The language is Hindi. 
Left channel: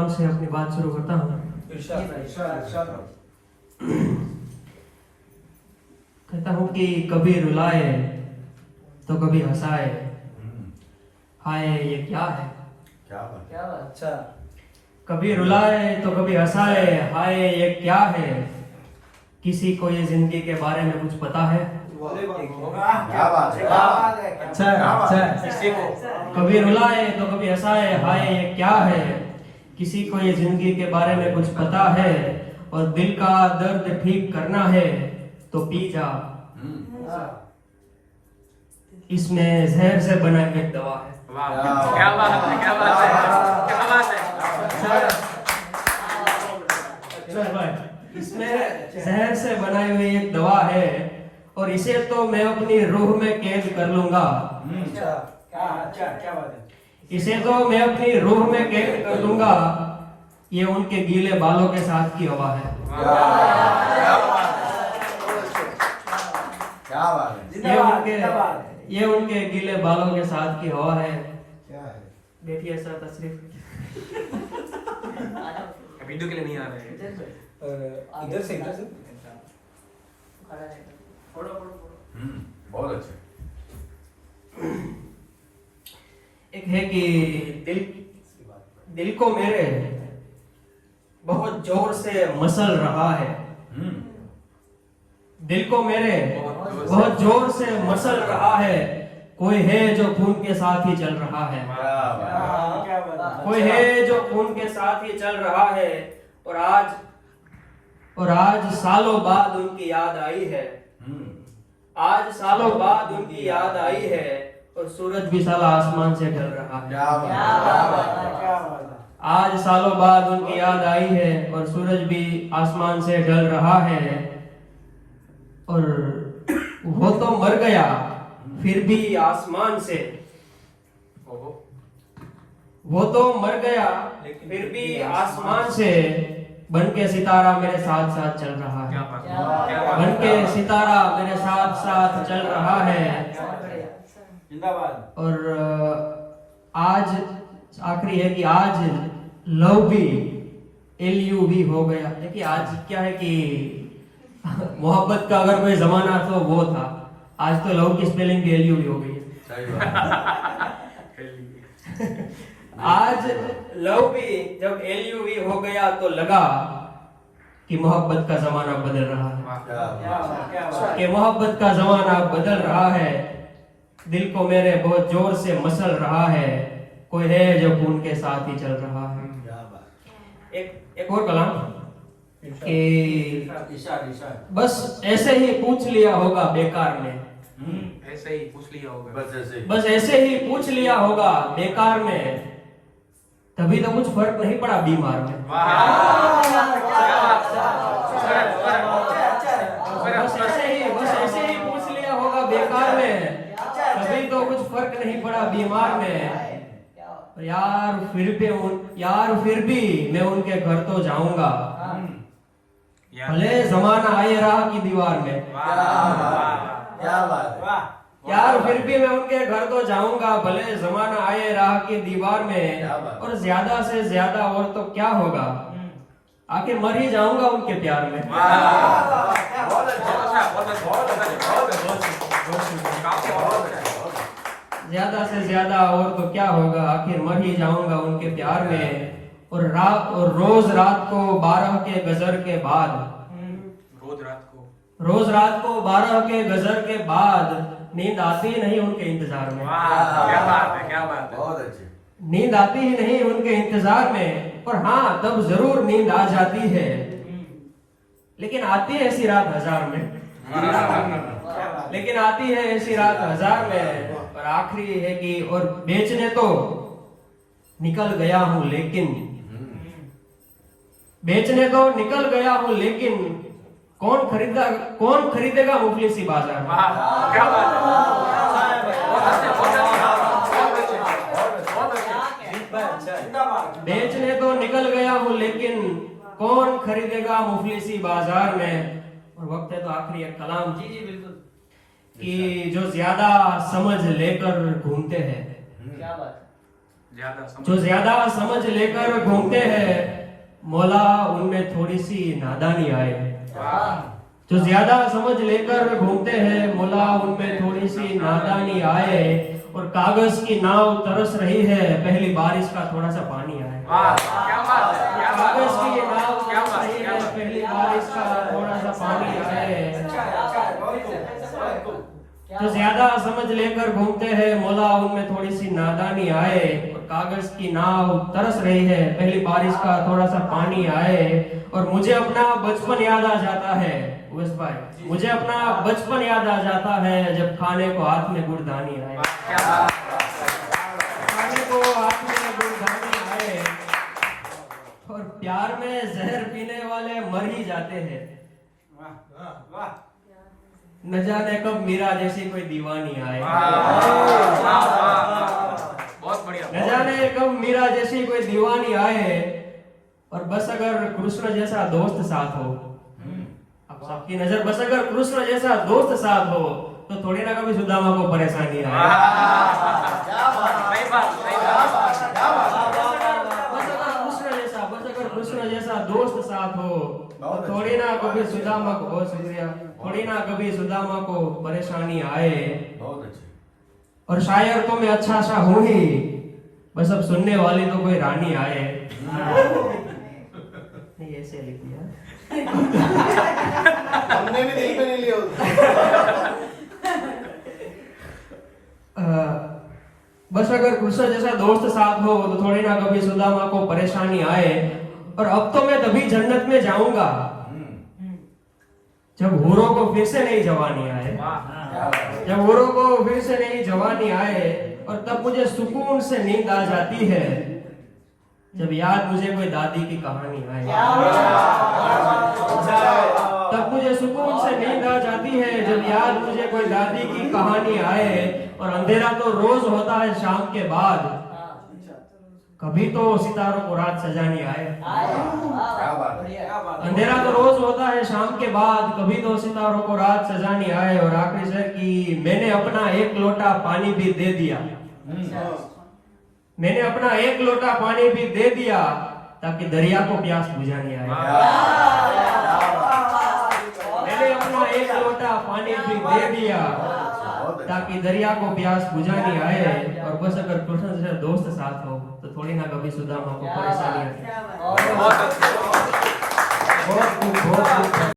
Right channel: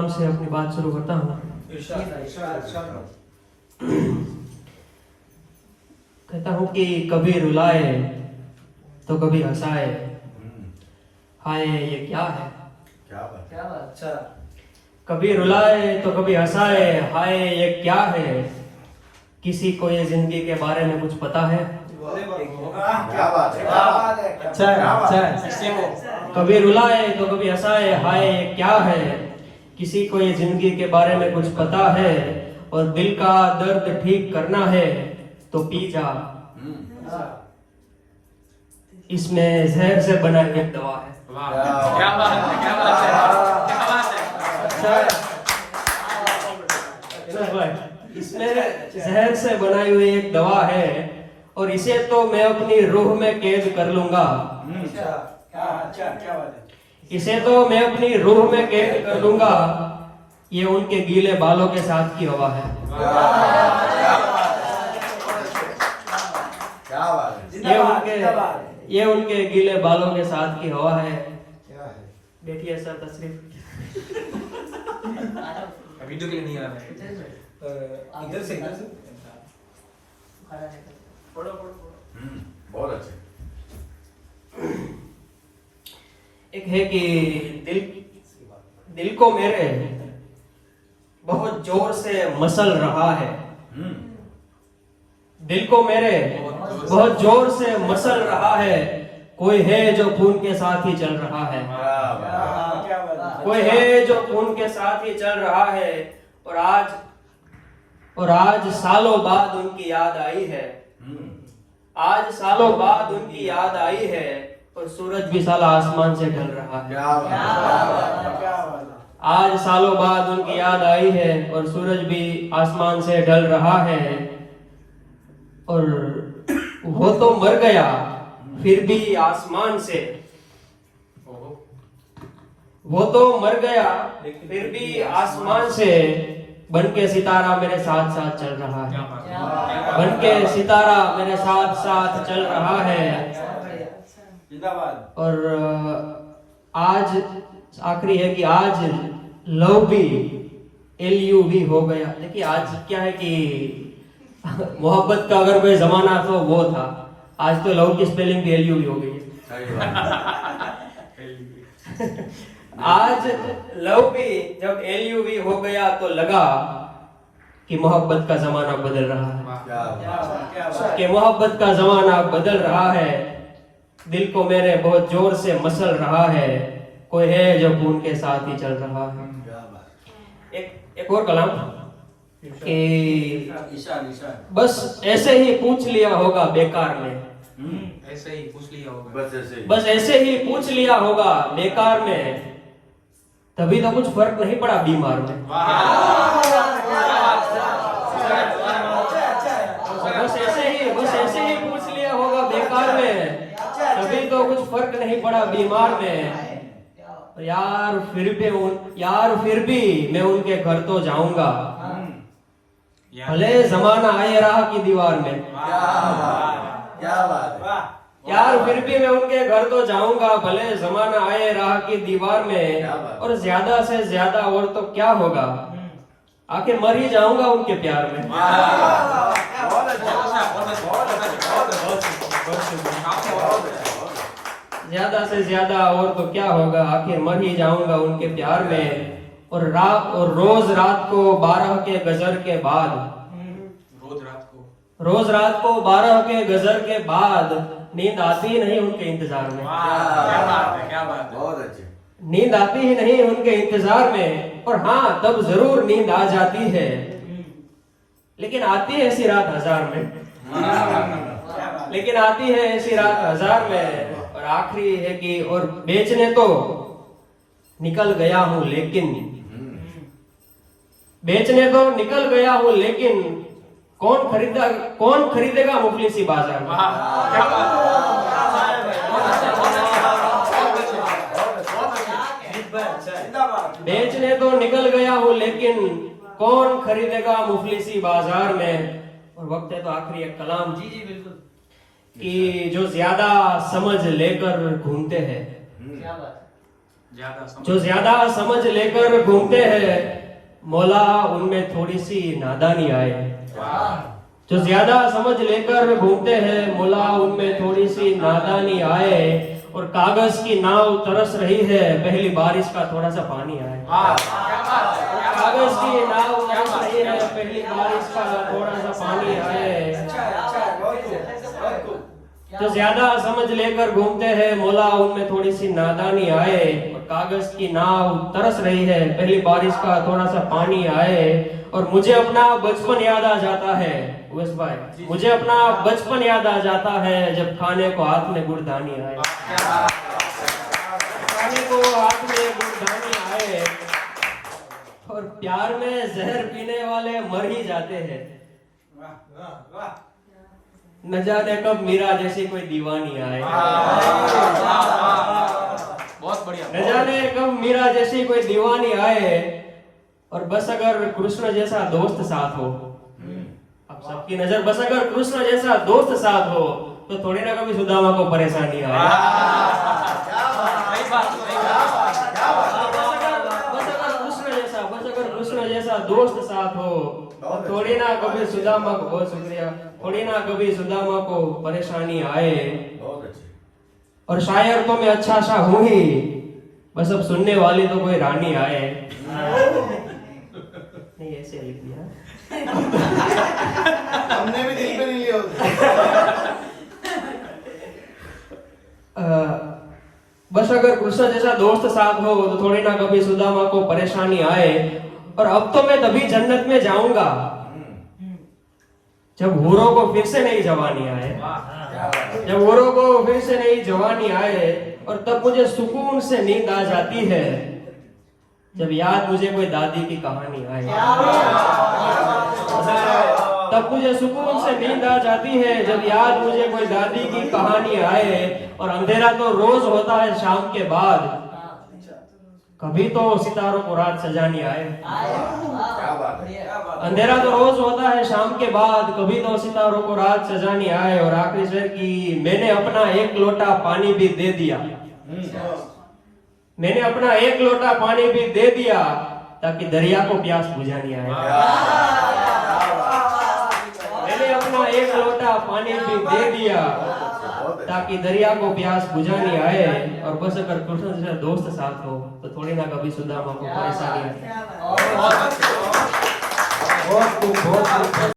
कलाम से अपनी बात शुरू करता हूँ। कहता हूँ कि कभी रुलाए तो कभी हंसाए, हाय ये क्या है। क्या बात है। अच्छा। कभी रुलाए तो कभी हंसाए, हाय ये क्या है। किसी को ये जिंदगी के बारे में कुछ पता है? क्या बात है। अच्छा है, अच्छा है। किसी को कभी रुलाए तो कभी हंसाए, हाय ये क्या है। किसी को ये जिंदगी के बारे में कुछ पता है, और दिल का दर्द ठीक करना है तो पी जा। इसमें जहर से बना एक दवा है। क्या बात है, क्या बात है, क्या बात है। इसमें जहर से बनाई हुई एक दवा है, और इसे तो मैं अपनी रूह में कैद कर लूंगा। क्या बात है। इसे तो मैं अपनी रूह में कैद कर लूंगा। ये उनके गीले बालों के साथ की हवा है। क्या बात है। ये उनके गीले बालों के साथ की हवा है। क्या है। बैठिए सर, तशरीफ। वीडियो के लिए नहीं आ रहे। इधर से बहुत अच्छे। एक है कि दिल को मेरे बहुत जोर से मसल रहा है। दिल को मेरे बहुत जोर से मसल रहा है। कोई है जो खून के साथ ही चल रहा है। कोई है जो खून के साथ ही चल रहा है। और आज सालों बाद उनकी याद आई है। आज सालों बाद उनकी याद आई है, और सूरज भी साला आसमान से ढल रहा है। आज सालों बाद उनकी याद आई है, और सूरज भी आसमान से ढल रहा है। और वो तो मर गया फिर भी आसमान से। वो तो मर गया फिर भी आसमान से। बन के सितारा मेरे साथ साथ चल रहा है। बन के सितारा मेरे साथ साथ चल रहा है। और आज आखिरी है कि आज लव भी LUV हो गया। देखिए आज क्या है कि मोहब्बत का अगर कोई जमाना तो वो था। आज तो लव की स्पेलिंग भी LUV हो गई है। आज लव भी जब LUV हो गया तो लगा कि मोहब्बत का जमाना बदल रहा है। कि मोहब्बत का जमाना बदल रहा है। दिल को मेरे बहुत जोर से मसल रहा है। कोई है जो खून के साथ ही चल रहा है। एक और कलाम कि बस ऐसे ही पूछ लिया होगा बेकार में। ऐसे ही पूछ लिया होगा। बस ऐसे ही पूछ लिया होगा बेकार में। तभी तो कुछ फर्क नहीं पड़ा बीमार में। बस ऐसे ही पूछ लिया होगा बेकार में। तभी तो कुछ फर्क नहीं पड़ा बीमार में। यार फिर भी मैं उनके घर तो जाऊंगा। भले जमाना आए राह की दीवार में। क्या बात है। यार फिर भी मैं उनके घर तो जाऊंगा, भले जमाना आए राह की दीवार में। और ज्यादा से ज्यादा और तो क्या होगा, आखिर मर ही जाऊंगा उनके प्यार में। ज्यादा से ज्यादा और तो क्या होगा, आखिर मर ही जाऊंगा उनके प्यार में। और रोज रात को 12 के गजर के बाद, रोज रात को 12 के गजर के बाद नींद आती ही नहीं उनके इंतजार में। क्या बात है, क्या बात है। बहुत अच्छे। नींद आती ही नहीं उनके इंतजार में। और हाँ, तब जरूर नींद आ जाती है, लेकिन आती है ऐसी रात 1000 में। लेकिन आती है ऐसी रात 1000 में। और आखिरी है कि और बेचने तो निकल गया हूं लेकिन, बेचने तो निकल गया हूं लेकिन कौन खरीदेगा मुफलिसी बाजार में। क्या बात है। बेचने तो निकल गया हूं लेकिन कौन खरीदेगा मुफलिसी बाजार में। और वक्त है तो आखिरी एक कलाम जी बिल्कुल। कि जो ज्यादा समझ लेकर घूमते हैं, क्या बात है। ज्यादा समझ जो ज्यादा समझ लेकर घूमते हैं मौला उनमें थोड़ी सी नादानी आए। जो ज्यादा समझ लेकर घूमते हैं मौला उनमें थोड़ी सी नादानी आए। और कागज की नाव तरस रही है पहली बारिश का थोड़ा सा पानी आए। वाह क्या बात है क्या बात कागज की नाव तरस रही है पहली बारिश का थोड़ा सा पानी आए। जो ज्यादा समझ लेकर घूमते हैं मौला उनमें थोड़ी सी नादानी आए। और कागज की नाव तरस रही है पहली बारिश का थोड़ा सा पानी आए। और मुझे अपना बचपन याद आ जाता है उवैस भाई, मुझे अपना बचपन याद आ जाता है जब खाने को हाथ में गुड़दानी आए। खाने को हाथ में गुड़दानी आए। और प्यार में जहर पीने वाले मर ही जाते हैं। न जाने कब मीरा जैसी कोई दीवानी आए। बहुत बढ़िया न जाने कब मीरा जैसी कोई दीवानी आए। और बस अगर कृष्ण जैसा दोस्त साथ हो, अब सबकी नजर बस अगर कृष्ण जैसा दोस्त साथ हो तो थोड़ी ना कभी सुदामा को परेशानी आए। सही बात सही बात बस अगर कृष्ण जैसा दोस्त साथ हो तो थोड़ी ना कभी सुदामा को, बहुत शुक्रिया, थोड़ी ना कभी सुदामा को परेशानी आए। और शायर तो मैं अच्छा सा हूं ही, बस अब सुनने वाली तो कोई रानी आए। नहीं ऐसे लिख दिया हमने भी दिल पे नहीं लिया बस अगर कृष्ण जैसा दोस्त साथ हो तो थोड़ी ना कभी सुदामा को परेशानी आए। और अब तो मैं तभी जन्नत में जाऊंगा जब हूरों को फिर से नई जवानी आए। जब हूरों को फिर से नई जवानी आए। और तब मुझे सुकून से नींद आ जाती है जब याद मुझे कोई दादी की कहानी आए। तब मुझे सुकून से नींद आ जाती है जब याद मुझे कोई दादी की कहानी आए। और अंधेरा तो रोज होता है शाम के बाद, कभी तो सितारों को रात सजानी आए। अंधेरा तो रोज होता है शाम के बाद, कभी तो सितारों को रात सजानी आए। और आखिरी शेर की, मैंने अपना एक लोटा पानी भी दे दिया। मैंने अपना एक लोटा पानी भी दे दिया ताकि दरिया को प्यास बुझानी आए। मैंने अपना एक लोटा पानी भी दे दिया ताकि दरिया को प्यास बुझानी आए। और बस अगर कृष्ण जैसा दोस्त साथ हो तो थोड़ी ना कभी सुदामा को परेशानी आए। बहुत